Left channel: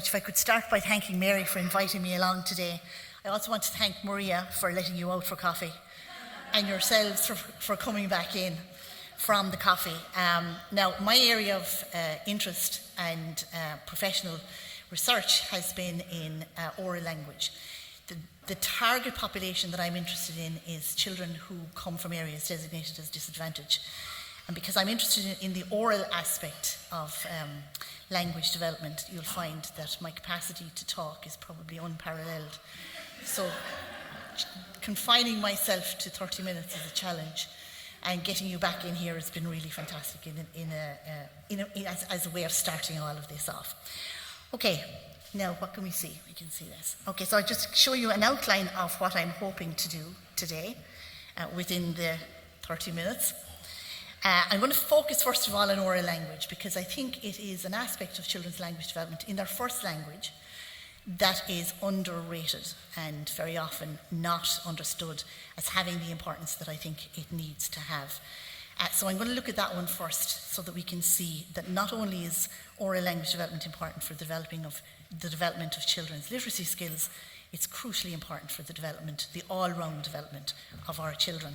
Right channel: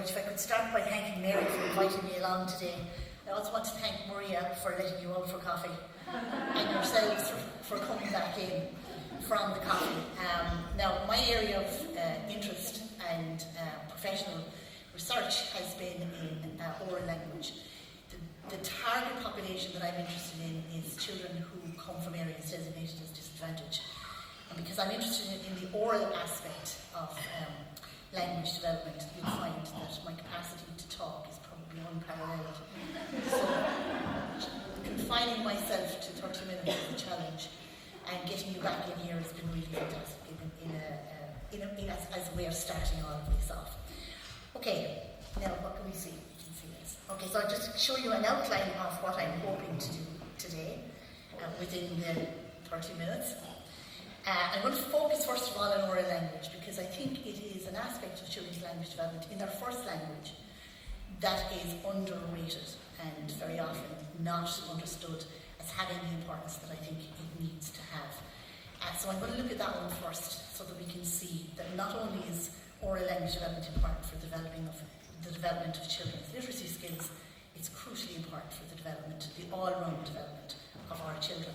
much. If I could start by thanking Mary for inviting me along today. I also want to thank Maria for letting you out for coffee, and yourselves for coming back in from the coffee. Now, my area of interest and professional research has been in oral language. The target population that I'm interested in is children who come from areas designated as disadvantaged. And because I'm interested in the oral aspect of language development, you'll find that my capacity to talk is probably unparalleled. So confining myself to 30 minutes is a challenge, and getting you back in here has been really fantastic as a way of starting all of this off. Okay, now what can we see? We can see this. Okay, so I'll just show you an outline of what I'm hoping to do today within the 30 minutes. I'm going to focus first of all on oral language, because I think it is an aspect of children's language development in their first language that is underrated and very often not understood as having the importance that I think it needs to have. So I'm going to look at that one first, so that we can see that not only is oral language development important for the development of children's literacy skills, it's crucially important for the all-round development of our children.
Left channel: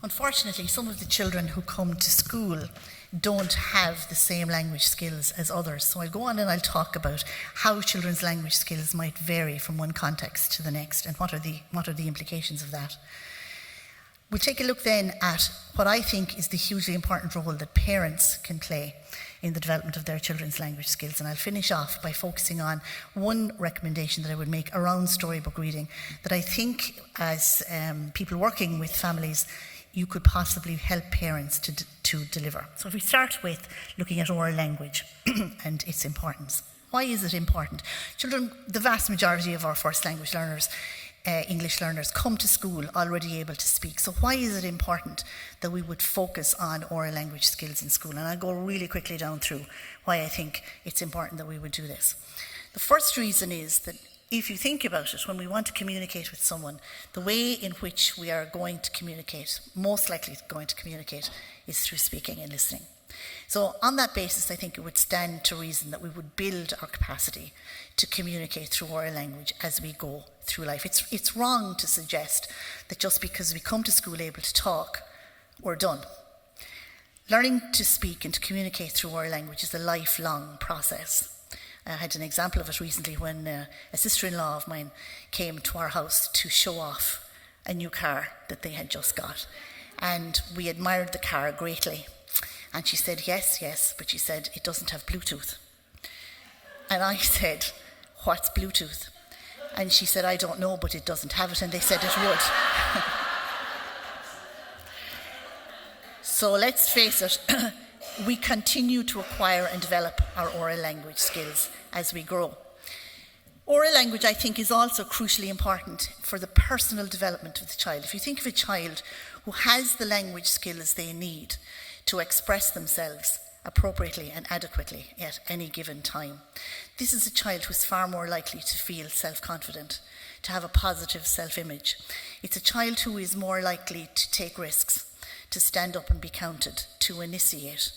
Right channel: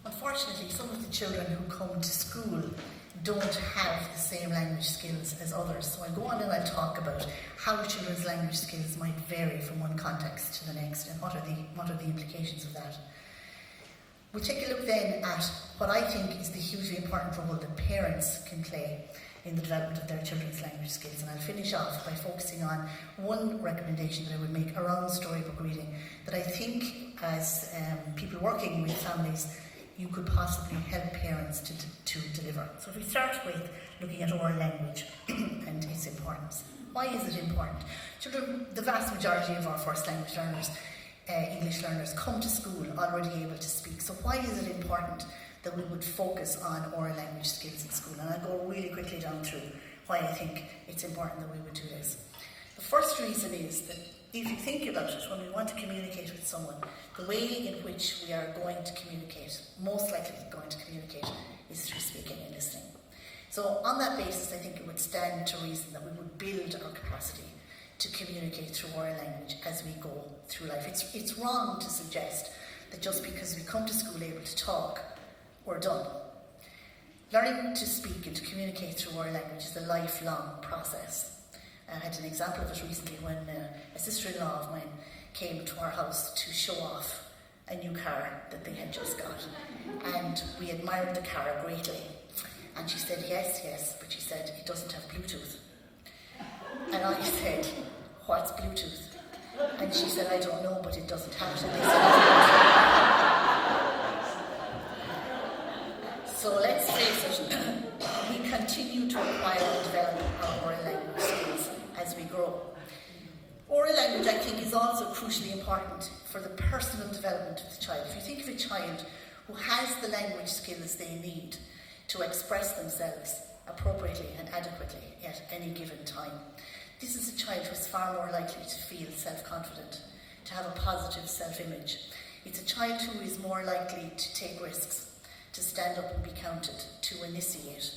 Unfortunately, some of the children who come to school don't have the same language skills as others. So I'll go on and I'll talk about how children's language skills might vary from one context to the next, and what are the implications of that. We'll take a look then at what I think is the hugely important role that parents can play in the development of their children's language skills. And I'll finish off by focusing on one recommendation that I would make around storybook reading that I think, as people working with families, you could possibly help parents to deliver. So if we start with looking at oral language and its importance. Why is it important? Children, the vast majority of our first language learners, English learners, come to school already able to speak. So why is it important that we would focus on oral language skills in school? And I'll go really quickly down through why I think it's important that we would do this. The first reason is that if you think about it, when we want to communicate with someone, the way in which we are going to communicate, most likely going to communicate, is through speaking and listening. So on that basis, I think it would stand to reason that we would build our capacity to communicate through oral language as we go through life. It's wrong to suggest that just because we come to school able to talk, we're done. Learning to speak and to communicate through oral language is a lifelong process. I had an example of it recently when a sister-in-law of mine came to our house to show off a new car that they had just got. And we admired the car greatly. And she said, yes, but she said, it doesn't have Bluetooth. And I said, what's Bluetooth? And she said, I don't know, but it doesn't have it. And they said, it would. So let's face it, we continue to acquire and develop our oral language skills as we grow. Oral language, I think, is also crucially important for the personal development of the child. If you think of a child who has the language skills they need to express themselves appropriately and adequately at any given time, this is a child who is far more likely to feel self-confident, to have a positive self-image. It's a child who is more likely to take risks, to stand up and be counted, to initiate.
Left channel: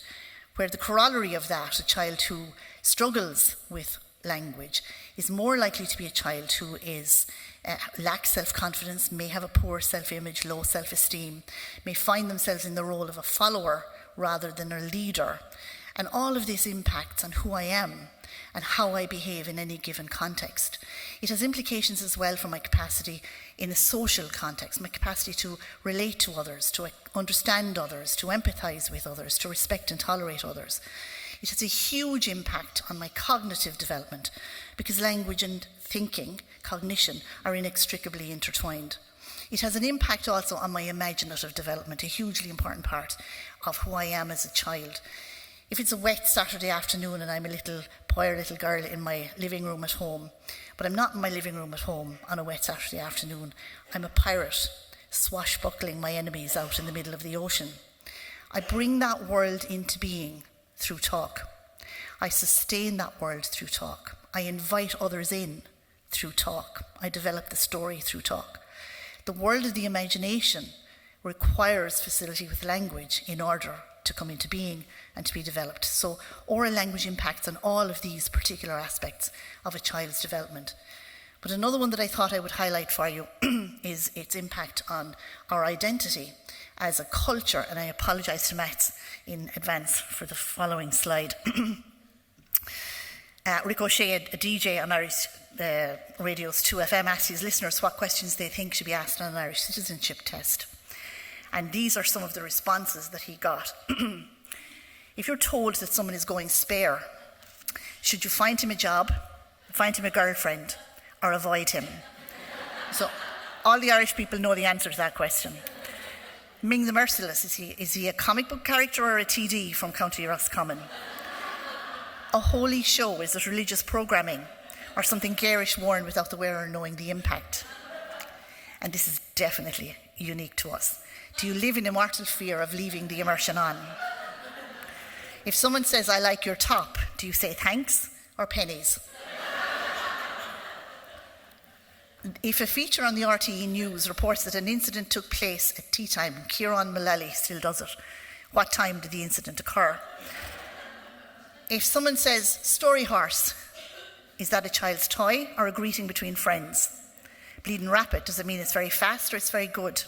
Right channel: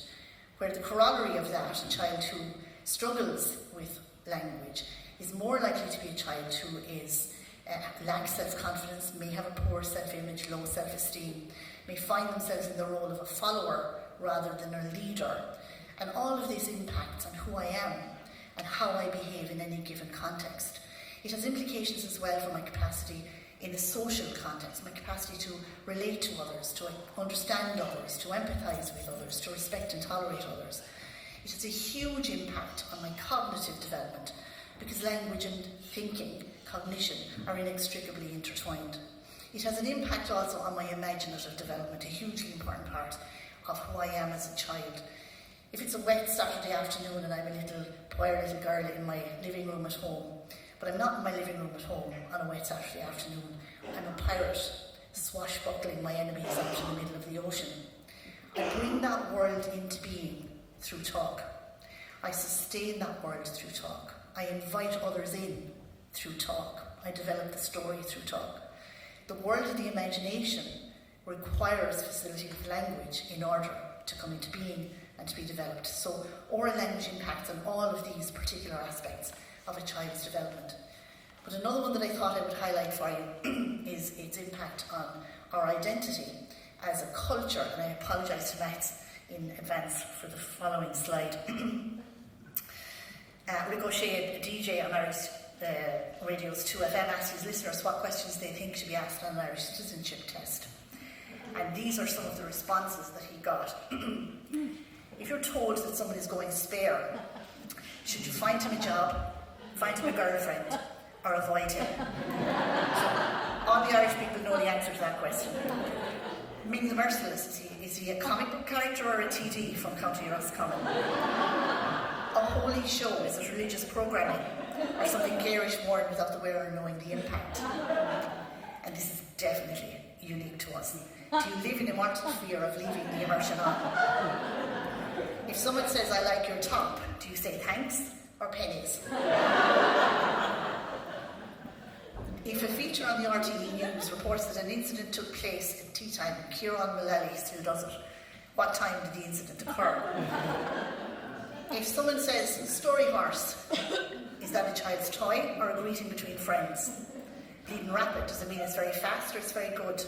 Where the corollary of that, a child who struggles with language, is more likely to be a child who lacks self-confidence, may have a poor self-image, low self-esteem, may find themselves in the role of a follower rather than a leader. And all of this impacts on who I am and how I behave in any given context. It has implications as well for my capacity in a social context, my capacity to relate to others, to understand others, to empathise with others, to respect and tolerate others. It has a huge impact on my cognitive development, because language and thinking, cognition, are inextricably intertwined. It has an impact also on my imaginative development, a hugely important part of who I am as a child. If it's a wet Saturday afternoon and I'm a poor little girl in my living room at home, but I'm not in my living room at home on a wet Saturday afternoon, I'm a pirate, swashbuckling my enemies out in the middle of the ocean. I bring that world into being through talk. I sustain that world through talk. I invite others in through talk. I develop the story through talk. The world of the imagination requires facility with language in order to come into being, and to be developed. So oral language impacts on all of these particular aspects of a child's development. But another one that I thought I would highlight for you is its impact on our identity as a culture, and I apologise to Max in advance for the following slide. Ricochet, a DJ on Irish Radio's 2FM, asked his listeners what questions they think should be asked on an Irish citizenship test. And these are some of the responses that he got. If you're told that someone is going spare, should you find him a job, find him a girlfriend, or avoid him? So all the Irish people know the answer to that question. Ming the Merciless, is he a comic book character or a TD from County Roscommon? A holy show, is it religious programming, or something garish worn without the wearer knowing the impact? And this is definitely unique to us. Do you live in immortal fear of leaving the immersion on? If someone says, I like your top, do you say thanks or pennies? If a feature on the RTE News reports that an incident took place at tea time and Kieran Mullally still does it, what time did the incident occur? If someone says, story horse, is that a child's toy or a greeting between friends? Bleeding rapid, does it mean it's very fast or it's very good?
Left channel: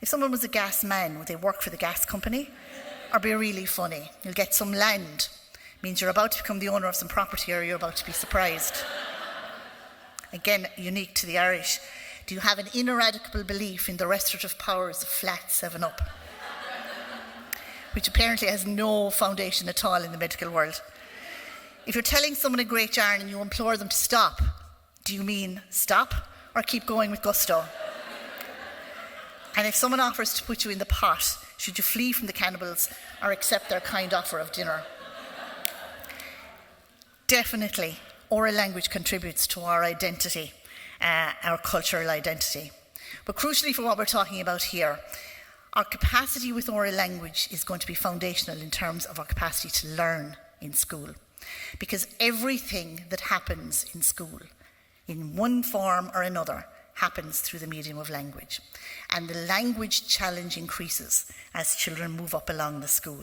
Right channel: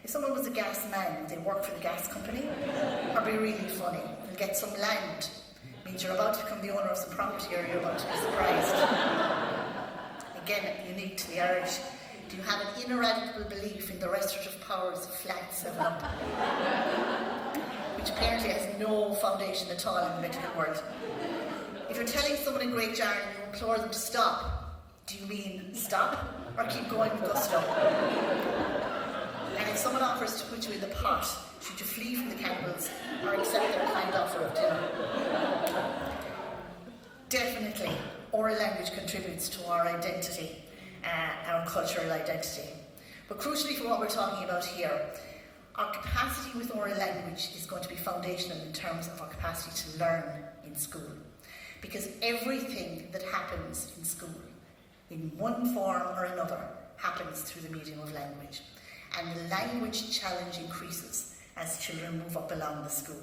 If someone was a gas man, would they work for the gas company? Or be really funny? You'll get some land. Means you're about to become the owner of some property or you're about to be surprised. Again, unique to the Irish. Do you have an ineradicable belief in the restorative powers of flat 7-Up? Which apparently has no foundation at all in the medical world. If you're telling someone a great yarn and you implore them to stop, do you mean stop or keep going with gusto? And if someone offers to put you in the pot, should you flee from the cannibals or accept their kind offer of dinner? Definitely, oral language contributes to our identity, our cultural identity. But crucially for what we're talking about here, our capacity with oral language is going to be foundational in terms of our capacity to learn in school. Because everything that happens in school, in one form or another, happens through the medium of language. And the language challenge increases as children move up along the school.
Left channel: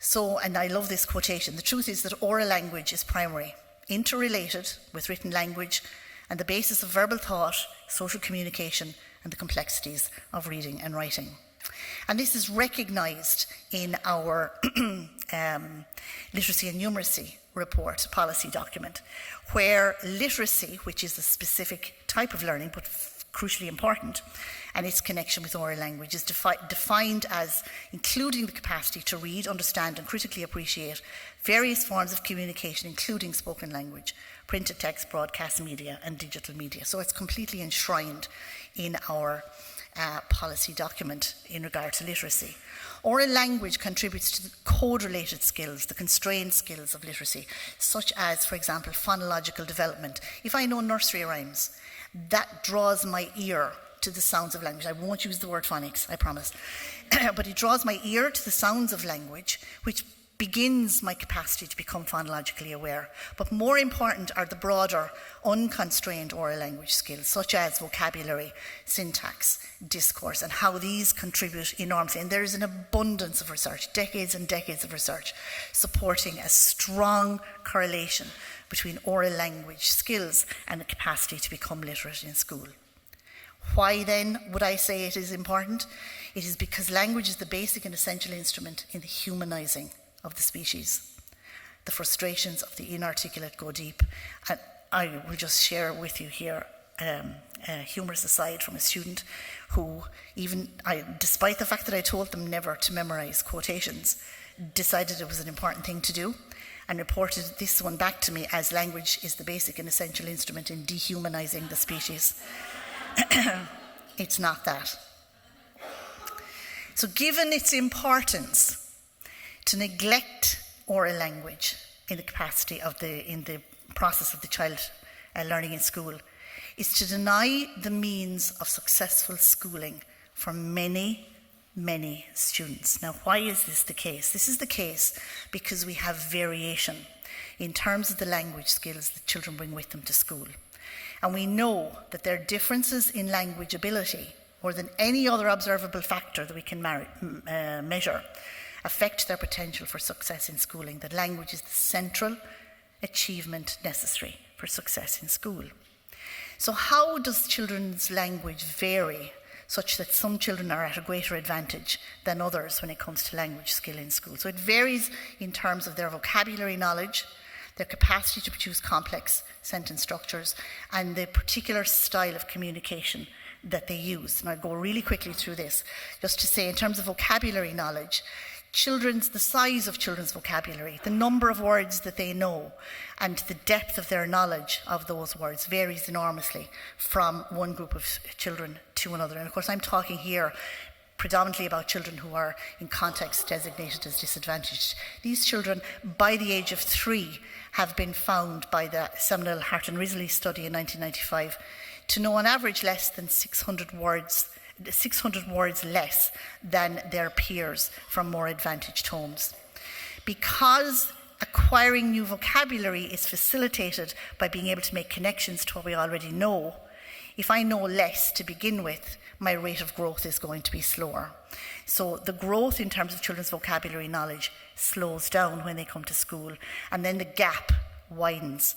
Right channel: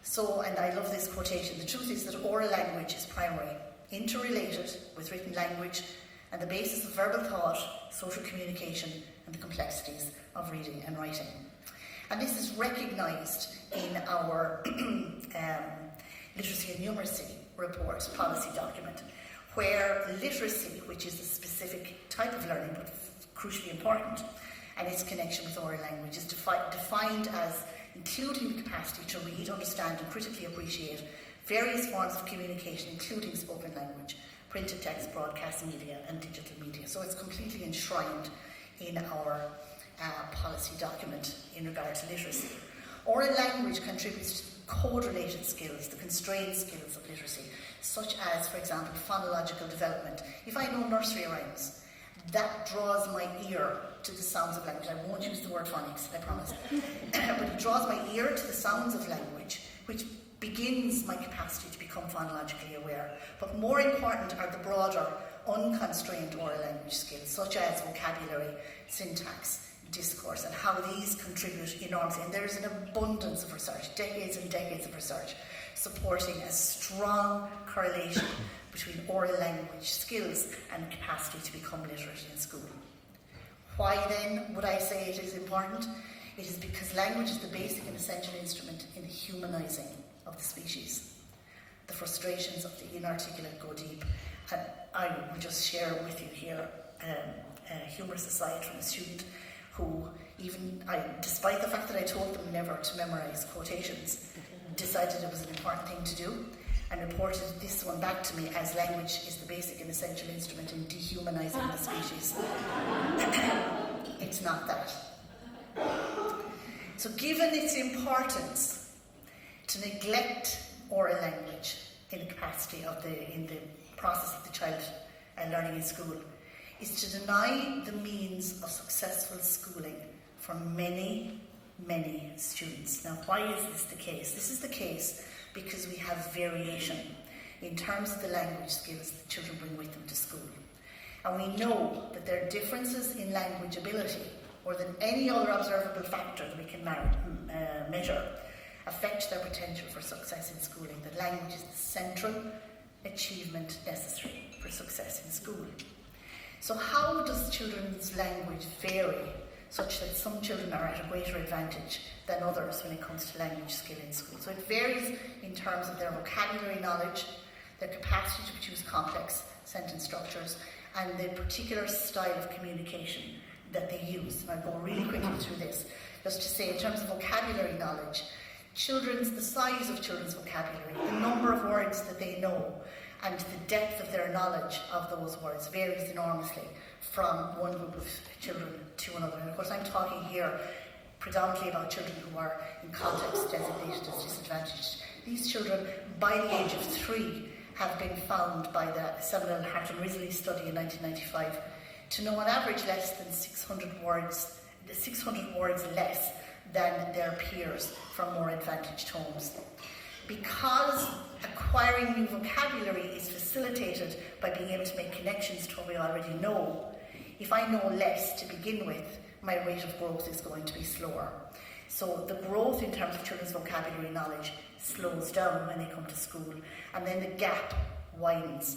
So, and I love this quotation, the truth is that oral language is primary, interrelated with written language, and the basis of verbal thought, social communication, and the complexities of reading and writing. And this is recognised in our literacy and numeracy report policy document, where literacy, which is a specific type of learning, but crucially important, and its connection with oral language is defined as including the capacity to read, understand, and critically appreciate various forms of communication, including spoken language, printed text, broadcast media, and digital media. So it's completely enshrined in our policy document in regard to literacy. Oral language contributes to the code-related skills, the constrained skills of literacy, such as, for example, phonological development. If I know nursery rhymes, that draws my ear to the sounds of language. I won't use the word phonics, I promise. But it draws my ear to the sounds of language, which begins my capacity to become phonologically aware. But more important are the broader, unconstrained oral language skills, such as vocabulary, syntax, discourse, and how these contribute enormously. And there is an abundance of research, decades and decades of research, supporting a strong correlation between oral language skills and the capacity to become literate in school. Why then would I say it is important? It is because language is the basic and essential instrument in the humanising of the species. The frustrations of the inarticulate go deep. And I will just share with you here a humorous aside from a student who, despite the fact that I told them never to memorise quotations, decided it was an important thing to do and reported this one back to me as language is the basic and essential instrument in dehumanising the species. It's not that. So given its importance, to neglect oral language in the capacity of in the process of the child learning in school is to deny the means of successful schooling for many, many students. Now, why is this the case? This is the case because we have variation in terms of the language skills that children bring with them to school. And we know that there are differences in language ability more than any other observable factor that we can measure. affect their potential for success in schooling, that language is the central achievement necessary for success in school. So how does children's language vary such that some children are at a greater advantage than others when it comes to language skill in school? So it varies in terms of their vocabulary knowledge, their capacity to produce complex sentence structures, and the particular style of communication that they use. And I'll go really quickly through this, just to say in terms of vocabulary knowledge, the size of children's vocabulary, the number of words that they know, and the depth of their knowledge of those words varies enormously from one group of children to another. And of course, I'm talking here predominantly about children who are in contexts designated as disadvantaged. These children, by the age of 3, have been found by the seminal Hart and Risley study in 1995 to know on average less than 600 words less than their peers from more advantaged homes. Because acquiring new vocabulary is facilitated by being able to make connections to what we already know, if I know less to begin with, my rate of growth is going to be slower. So the growth in terms of children's vocabulary knowledge slows down when they come to school, and then the gap widens.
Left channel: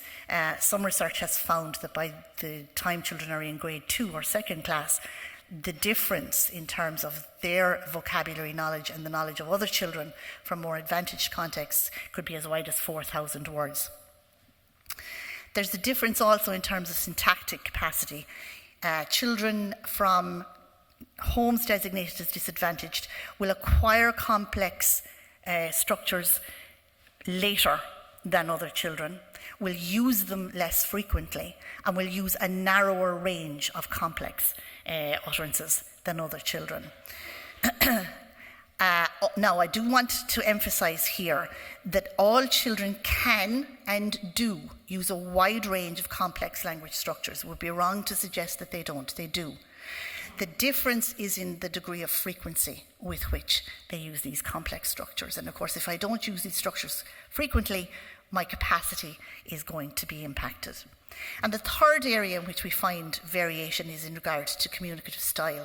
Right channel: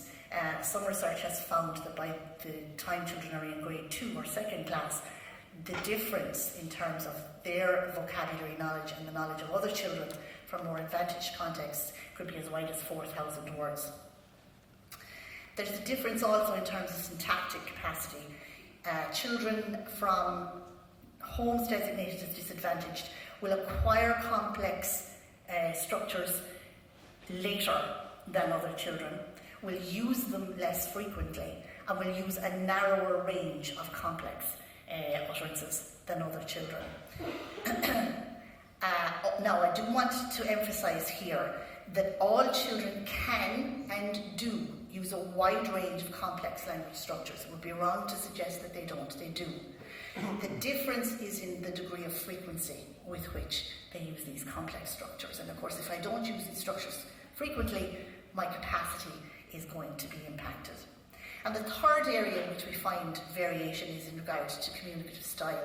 Some research has found that by the time children are in grade 2 or second class, the difference in terms of their vocabulary knowledge and the knowledge of other children from more advantaged contexts could be as wide as 4,000 words. There's a difference also in terms of syntactic capacity. Children from homes designated as disadvantaged will acquire complex structures later than other children, will use them less frequently, and will use a narrower range of complex utterances than other children. Now, I do want to emphasise here that all children can and do use a wide range of complex language structures. It would be wrong to suggest that they don't. They do. The difference is in the degree of frequency with which they use these complex structures. And of course, if I don't use these structures frequently, my capacity is going to be impacted. And the third area in which we find variation is in regard to communicative style.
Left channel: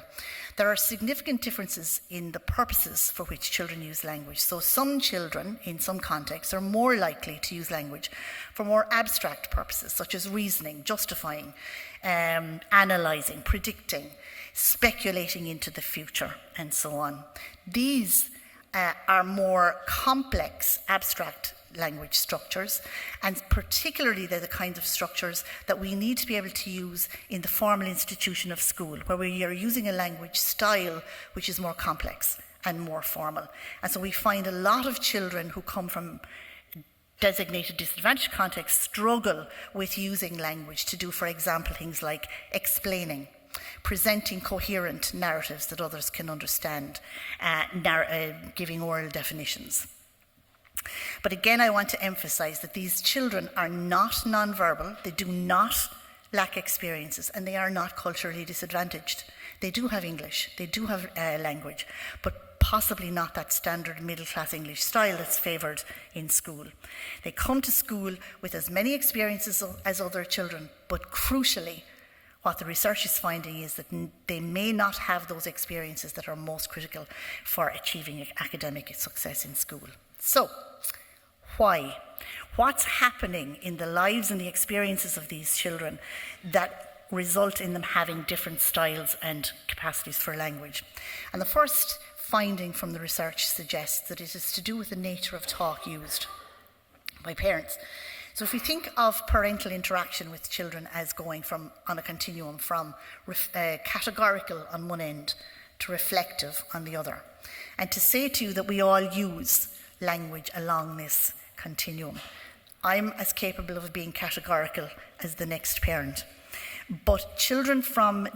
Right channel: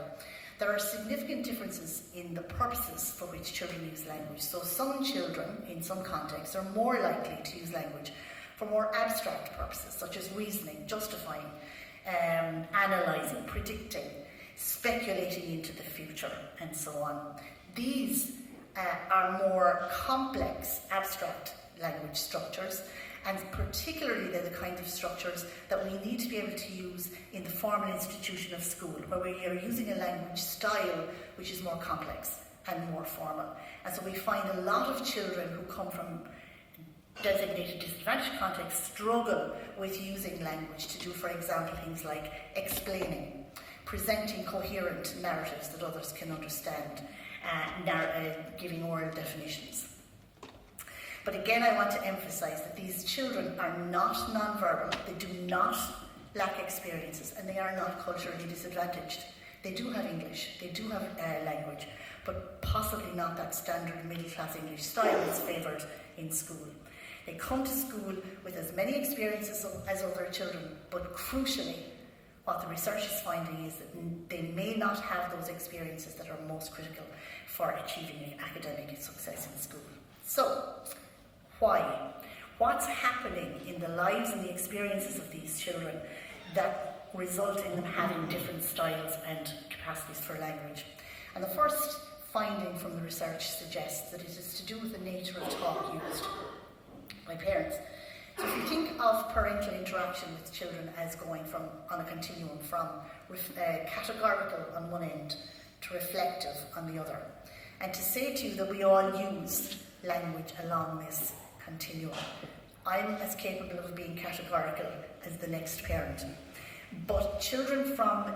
There are significant differences in the purposes for which children use language. So some children, in some contexts, are more likely to use language for more abstract purposes, such as reasoning, justifying, analysing, predicting, speculating into the future, and so on. These are more complex, abstract language structures, and particularly they're the kinds of structures that we need to be able to use in the formal institution of school, where we are using a language style which is more complex and more formal. And so we find a lot of children who come from designated disadvantaged contexts struggle with using language to do, for example, things like explaining, presenting coherent narratives that others can understand, giving oral definitions. But again, I want to emphasise that these children are not non-verbal, they do not lack experiences, and they are not culturally disadvantaged. They do have English, they do have language, but possibly not that standard middle-class English style that's favoured in school. They come to school with as many experiences as other children, but crucially, what the research is finding is that they may not have those experiences that are most critical for achieving academic success in school. So, why? What's happening in the lives and the experiences of these children that result in them having different styles and capacities for language? And the first finding from the research suggests that it is to do with the nature of talk used by parents. So if we think of parental interaction with children as going on a continuum from categorical on one end to reflective on the other, and to say to you that we all use language along this continuum, I'm as capable of being categorical as the next parent. But children from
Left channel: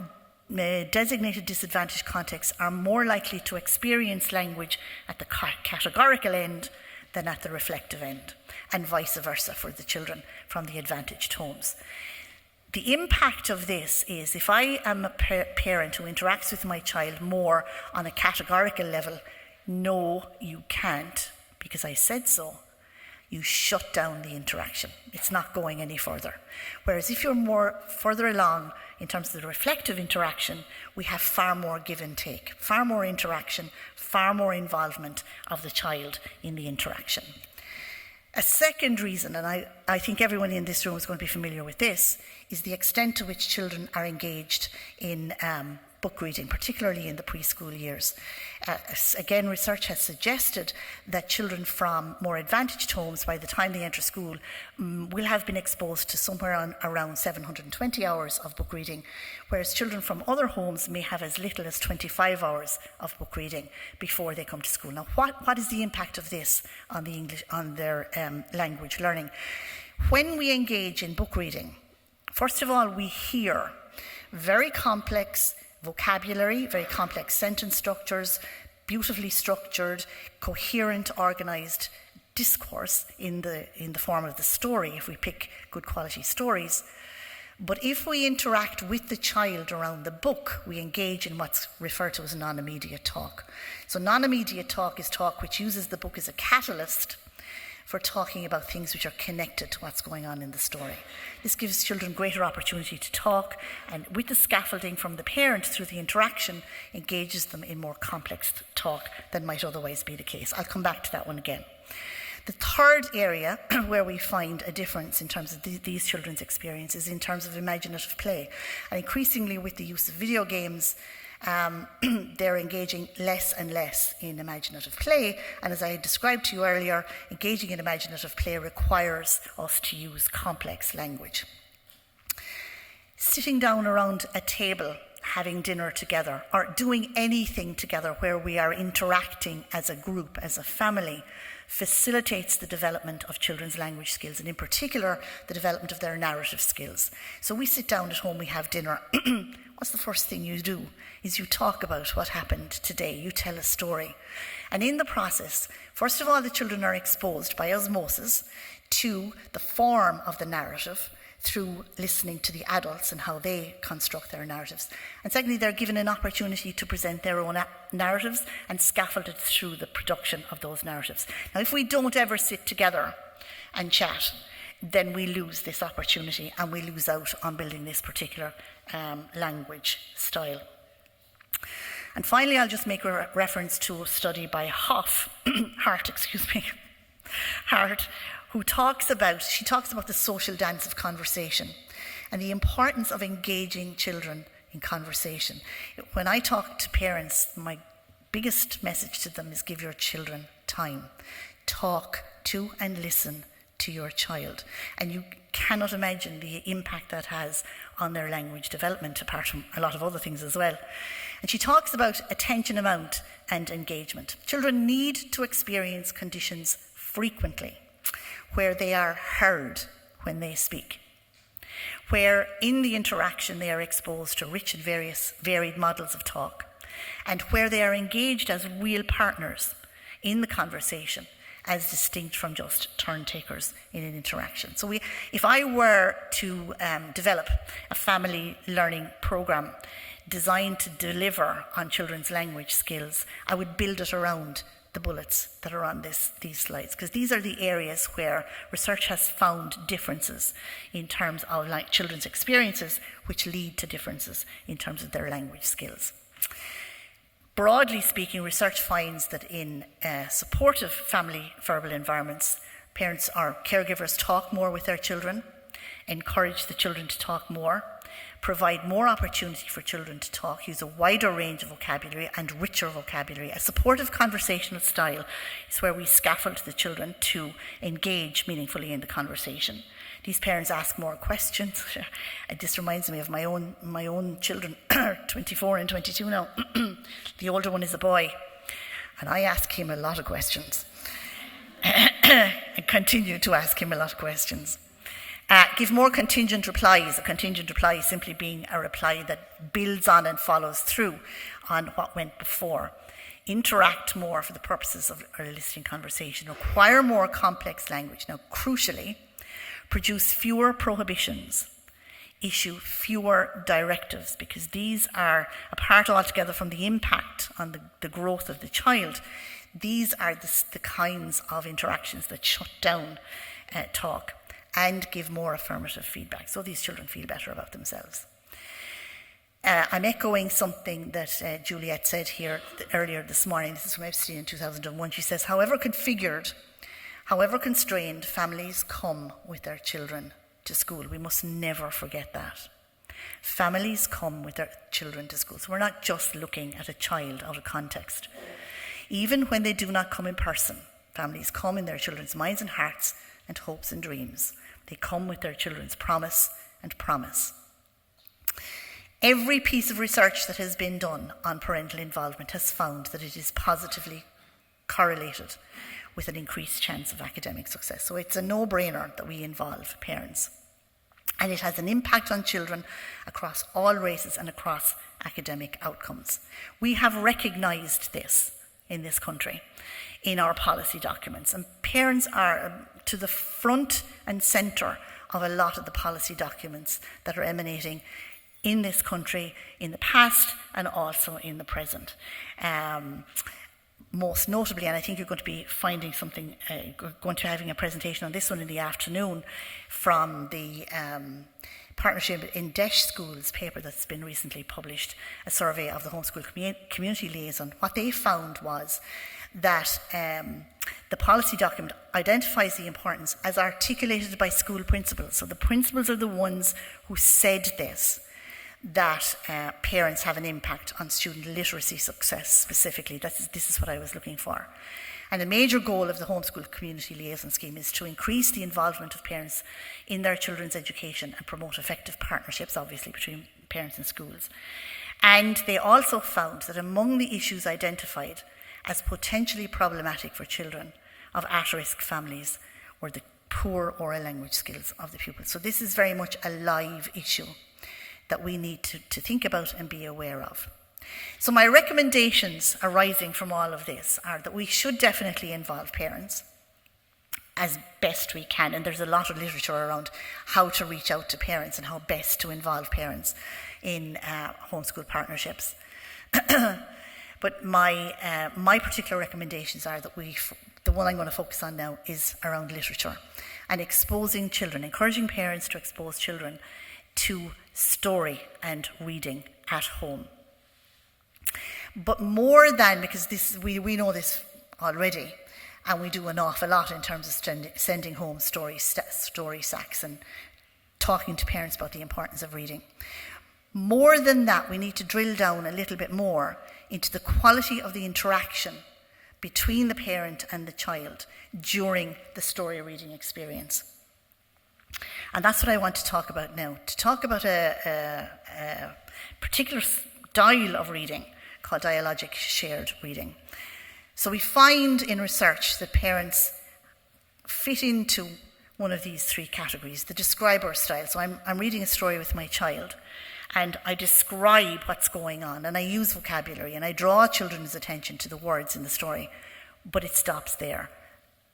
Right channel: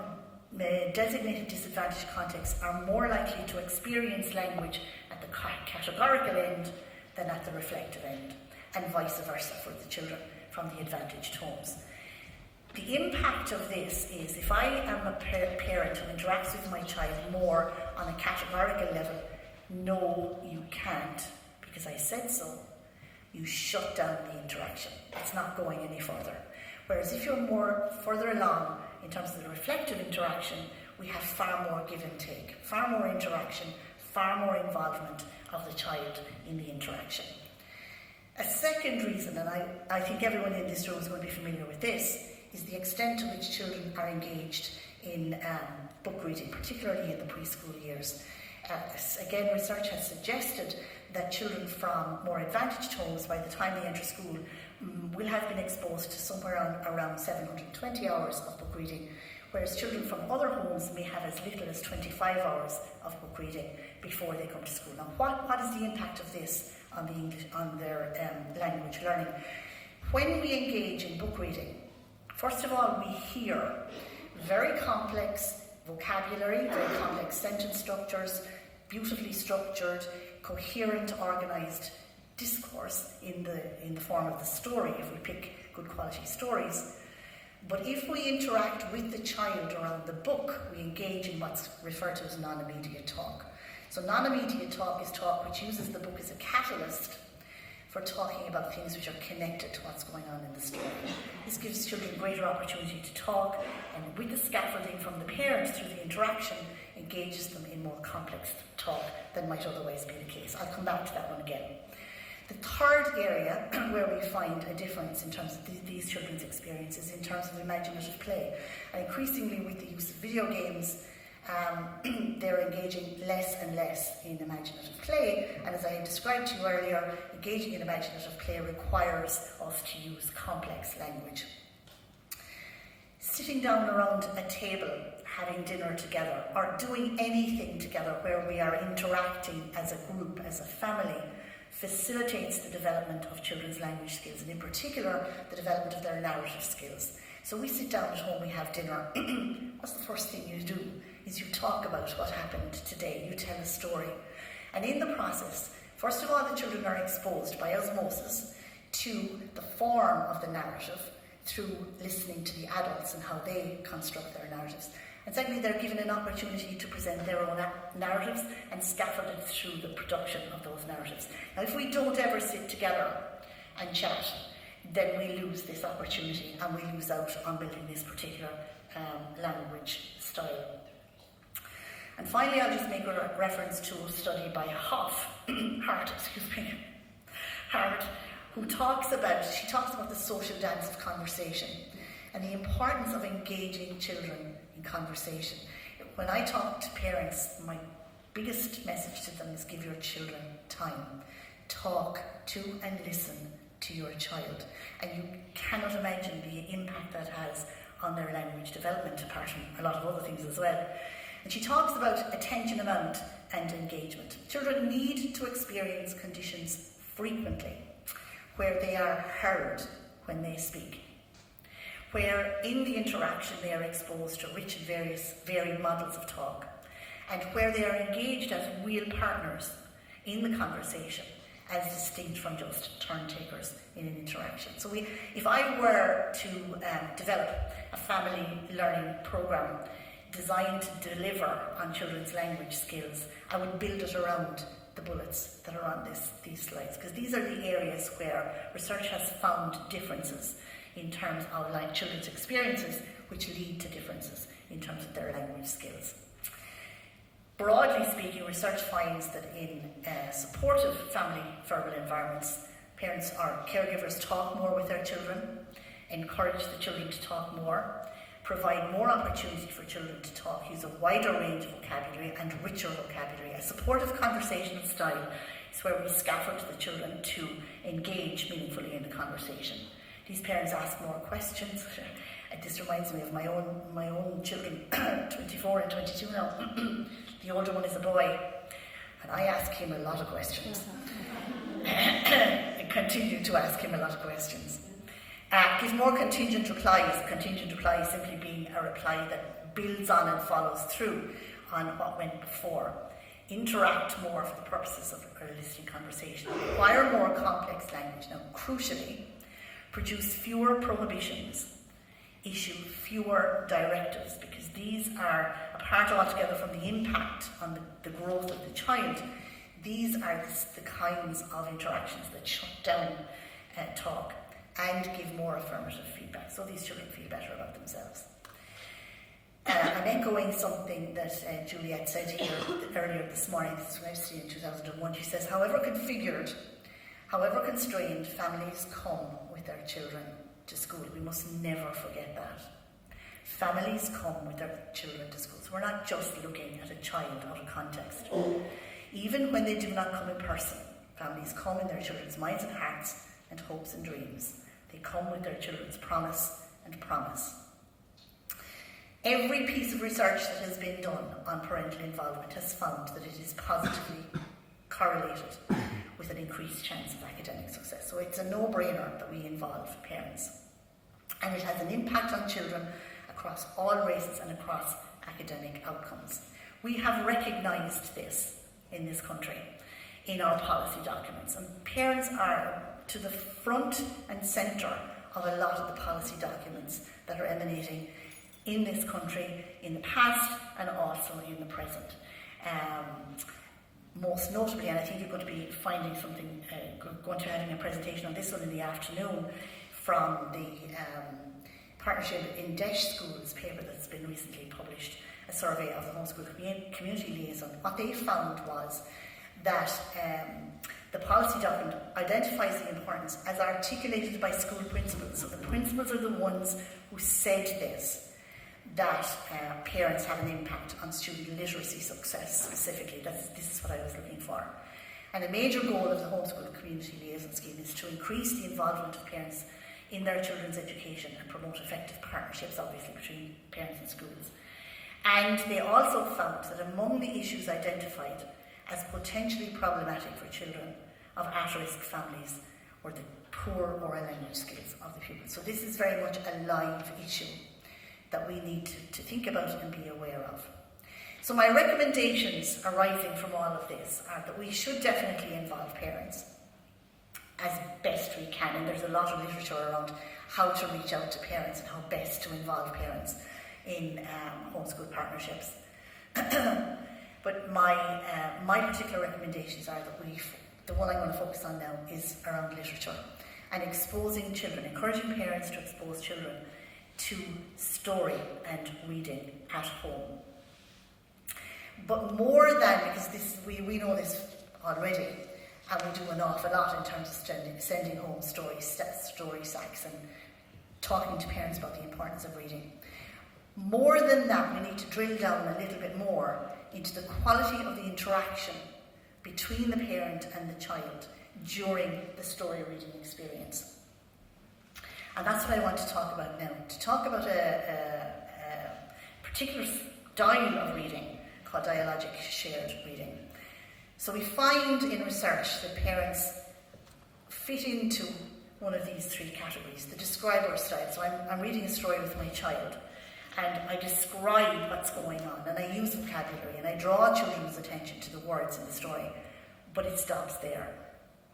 designated disadvantaged contexts are more likely to experience language at the categorical end than at the reflective end, and vice versa for the children from the advantaged homes. The impact of this is, if I am a parent who interacts with my child more on a categorical level, no, you can't, because I said so, you shut down the interaction. It's not going any further. Whereas if you're more further along in terms of the reflective interaction, we have far more give and take, far more interaction, far more involvement of the child in the interaction. A second reason, and I think everyone in this room is going to be familiar with this, is the extent to which children are engaged in book reading, particularly in the preschool years. Again, research has suggested that children from more advantaged homes, by the time they enter school, will have been exposed to somewhere around 720 hours of book reading, whereas children from other homes may have as little as 25 hours of book reading before they come to school. Now, what is the impact of this on their language learning? When we engage in book reading, first of all, we hear very complex vocabulary, very complex sentence structures, beautifully structured, coherent, organised discourse in the form of the story, if we pick good quality stories. But if we interact with the child around the book, we engage in what's referred to as non-immediate talk. So non-immediate talk is talk which uses the book as a catalyst for talking about things which are connected to what's going on in the story. This gives children greater opportunity to talk, and with the scaffolding from the parent through the interaction, engages them in more complex talk than might otherwise be the case. I'll come back to that one again. The third area where we find a difference in terms of these children's experiences in terms of imaginative play. And increasingly with the use of video games, they're engaging less and less in imaginative play. And as I described to you earlier, engaging in imaginative play requires us to use complex language. Sitting down around a table, having dinner together, or doing anything together where we are interacting as a group, as a family, facilitates the development of children's language skills, and in particular, the development of their narrative skills. So we sit down at home, we have dinner. What's the first thing you do? Is you talk about what happened today. You tell a story. And in the process, first of all, the children are exposed by osmosis to the form of the narrative through listening to the adults and how they construct their narratives. And secondly, they're given an opportunity to present their own narratives and scaffolded through the production of those narratives. Now, if we don't ever sit together and chat, then we lose this opportunity and we lose out on building this particular language style. And finally, I'll just make a reference to a study by Hart, who talks about the social dance of conversation and the importance of engaging children in conversation. When I talk to parents, my biggest message to them is give your children time. Talk to and listen to your child. And you cannot imagine the impact that has on their language development, apart from a lot of other things as well. And she talks about attention amount and engagement. Children need to experience conditions frequently where they are heard when they speak, where in the interaction they are exposed to rich and varied models of talk, and where they are engaged as real partners in the conversation, as distinct from just turn takers in an interaction. So if I were to develop a family learning program designed to deliver on children's language skills, I would build it around the bullets that are on these slides, because these are the areas where research has found differences in terms of children's experiences, which lead to differences in terms of their language skills. Broadly speaking, research finds that in supportive family verbal environments, parents or caregivers talk more with their children, encourage the children to talk more, provide more opportunity for children to talk, use a wider range of vocabulary and richer vocabulary. A supportive conversational style is where we scaffold the children to engage meaningfully in the conversation. These parents ask more questions. And this reminds me of my own children, 24 and 22 now. The older one is a boy, and I ask him a lot of questions. I continue to ask him a lot of questions. Give more contingent replies. A contingent reply is simply being a reply that builds on and follows through on what went before. Interact more for the purposes of a listening conversation. Acquire more complex language. Now, crucially, produce fewer prohibitions. Issue fewer directives, because these are, apart altogether from the impact on the growth of the child, these are the kinds of interactions that shut down talk and give more affirmative feedback, so these children feel better about themselves. I'm echoing something that Juliet said here earlier this morning. This is from Epstein in 2001. She says, however configured, however constrained families come with their children to school. We must never forget that. Families come with their children to school. So we're not just looking at a child out of context. Even when they do not come in person, families come in their children's minds and hearts and hopes and dreams. They come with their children's promise and promise. Every piece of research that has been done on parental involvement has found that it is positively correlated with an increased chance of academic success. So it's a no-brainer that we involve parents. And it has an impact on children across all races and across academic outcomes. We have recognised this in this country in our policy documents, and parents are to the front and centre of a lot of the policy documents that are emanating in this country in the past and also in the present. Most notably, and I think you're going to be finding something, going to be having a presentation on this one in the afternoon from the Partnership in Desh Schools paper that's been recently published, a survey of the homeschool community liaison. What they found was that the policy document identifies the importance as articulated by school principals. So the principals are the ones who said this, that parents have an impact on student literacy success specifically. This is what I was looking for. And a major goal of the homeschool community liaison scheme is to increase the involvement of parents in their children's education and promote effective partnerships, obviously, between parents and schools. And they also found that among the issues identified as potentially problematic for children of at-risk families were the poor oral language skills of the pupils. So this is very much a live issue that we need to think about and be aware of. So my recommendations arising from all of this are that we should definitely involve parents as best we can, and there's a lot of literature around how to reach out to parents and how best to involve parents in homeschool partnerships. But my particular recommendations are that the one I'm going to focus on now is around literature and exposing children, encouraging parents to expose children to story and reading at home. But more than, because we know this already, and we do an awful lot in terms of sending home story sacks and talking to parents about the importance of reading. More than that, we need to drill down a little bit more into the quality of the interaction between the parent and the child during the story reading experience. And that's what I want to talk about now. To talk about a particular style of reading called dialogic shared reading. So we find in research that parents fit into one of these three categories, the describer style. So I'm reading a story with my child and I describe what's going on and I use vocabulary and I draw children's attention to the words in the story, but it stops there.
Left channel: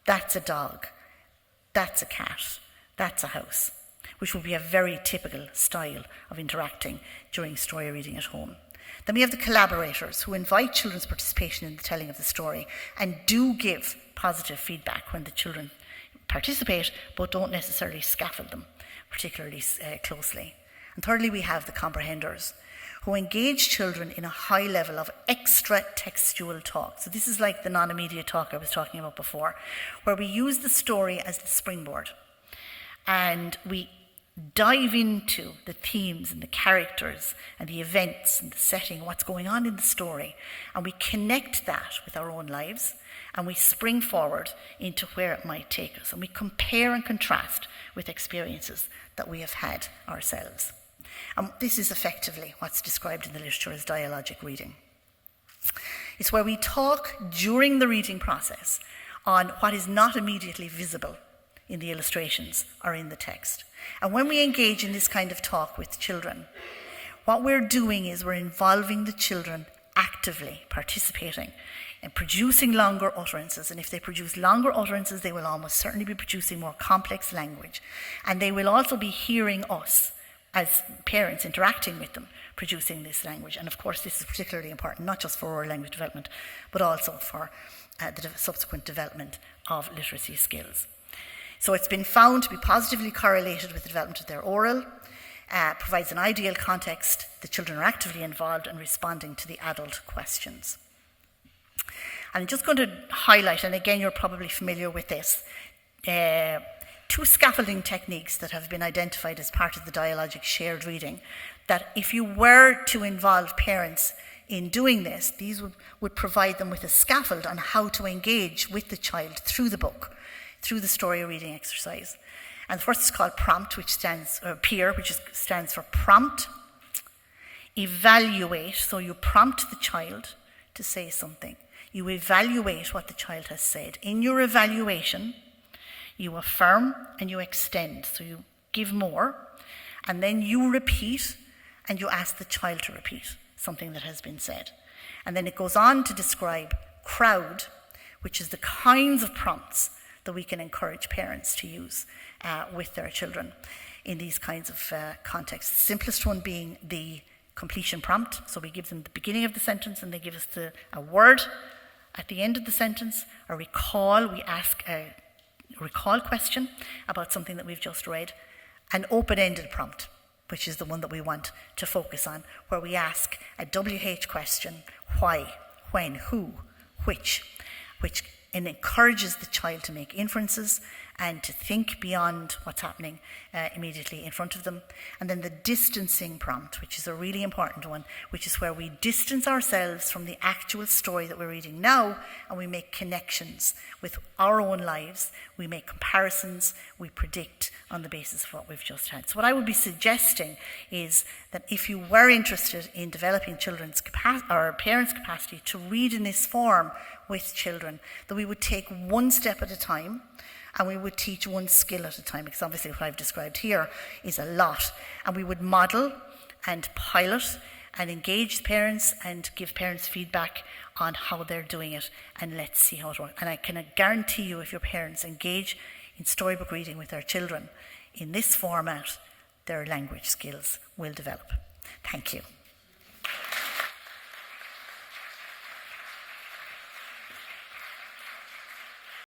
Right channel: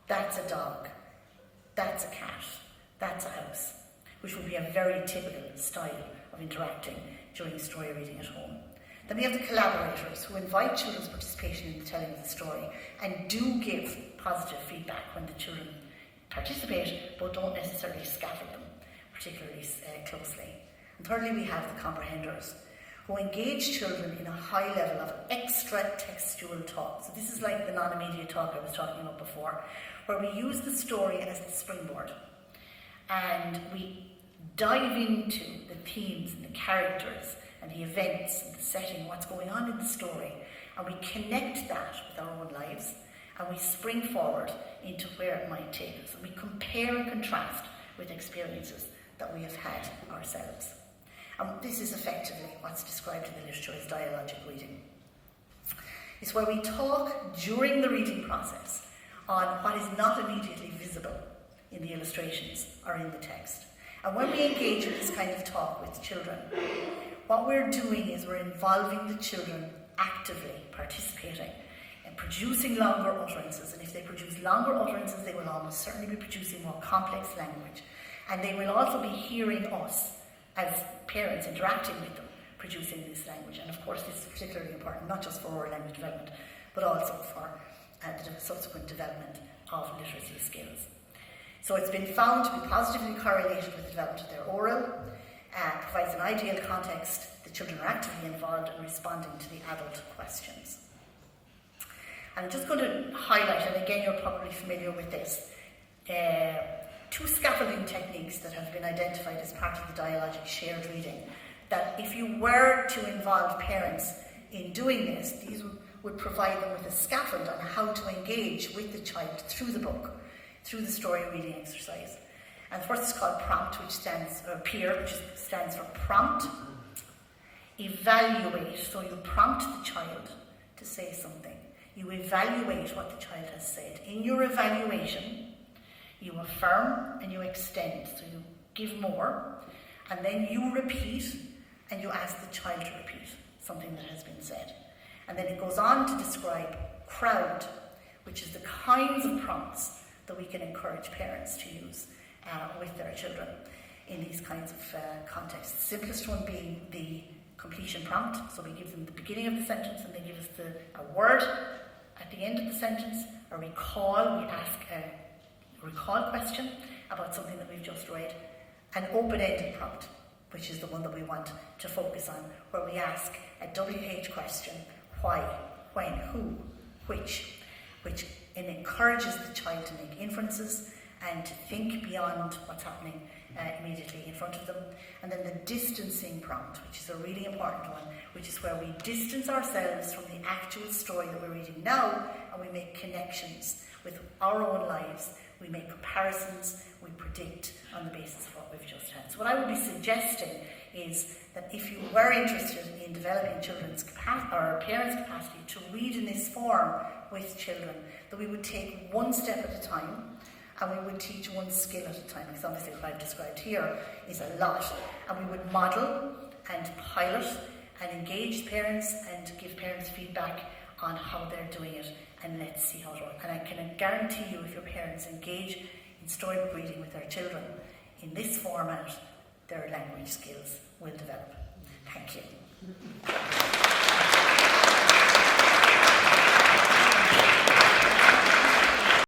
That's a dog, that's a cat, that's a house, which would be a very typical style of interacting during story reading at home. Then we have the collaborators who invite children's participation in the telling of the story and do give positive feedback when the children participate, but don't necessarily scaffold them particularly closely. And thirdly, we have the comprehenders who engage children in a high level of extra textual talk. So this is like the non-immediate talk I was talking about before, where we use the story as the springboard and we dive into the themes and the characters and the events and the setting, what's going on in the story, and we connect that with our own lives and we spring forward into where it might take us, and we compare and contrast with experiences that we have had ourselves. And this is effectively what's described in the literature as dialogic reading. It's where we talk during the reading process on what is not immediately visible in the illustrations or in the text. And when we engage in this kind of talk with children, what we're doing is we're involving the children actively participating and producing longer utterances. And if they produce longer utterances, they will almost certainly be producing more complex language. And they will also be hearing us as parents interacting with them, producing this language. And of course, this is particularly important, not just for oral language development, but also for the subsequent development of literacy skills. So it's been found to be positively correlated with the development of their oral provides an ideal context. The children are actively involved in responding to the adult questions. I'm just going to highlight, and again you're probably familiar with this, 2 scaffolding techniques that have been identified as part of the dialogic shared reading, that if you were to involve parents in doing this, these would provide them with a scaffold on how to engage with the child through the book, through the story reading exercise. And the first is called PROMPT, which stands for prompt, evaluate. So you prompt the child to say something. You evaluate what the child has said. In your evaluation, you affirm and you extend. So you give more, and then you repeat, and you ask the child to repeat something that has been said. And then it goes on to describe crowd, which is the kinds of prompts that we can encourage parents to use with their children in these kinds of contexts. The simplest one being the completion prompt. So we give them the beginning of the sentence and they give us a word at the end of the sentence, a recall. We ask a recall question about something that we've just read. An open-ended prompt, which is the one that we want to focus on, where we ask a WH question: why, when, who, which encourages the child to make inferences and to think beyond what's happening immediately in front of them. And then the distancing prompt, which is a really important one, which is where we distance ourselves from the actual story that we're reading now, and we make connections with our own lives. We make comparisons, we predict on the basis of what we've just had. So what I would be suggesting is that if you were interested in developing children's or parents' capacity to read in this form with children, that we would take one step at a time, and we would teach one skill at a time, because obviously what I've described here is a lot. And we would model and pilot and engage parents and give parents feedback on how they're doing it, and let's see how it works. And I can guarantee you, if your parents engage in storybook reading with their children in this format, their language skills will develop. Thank you.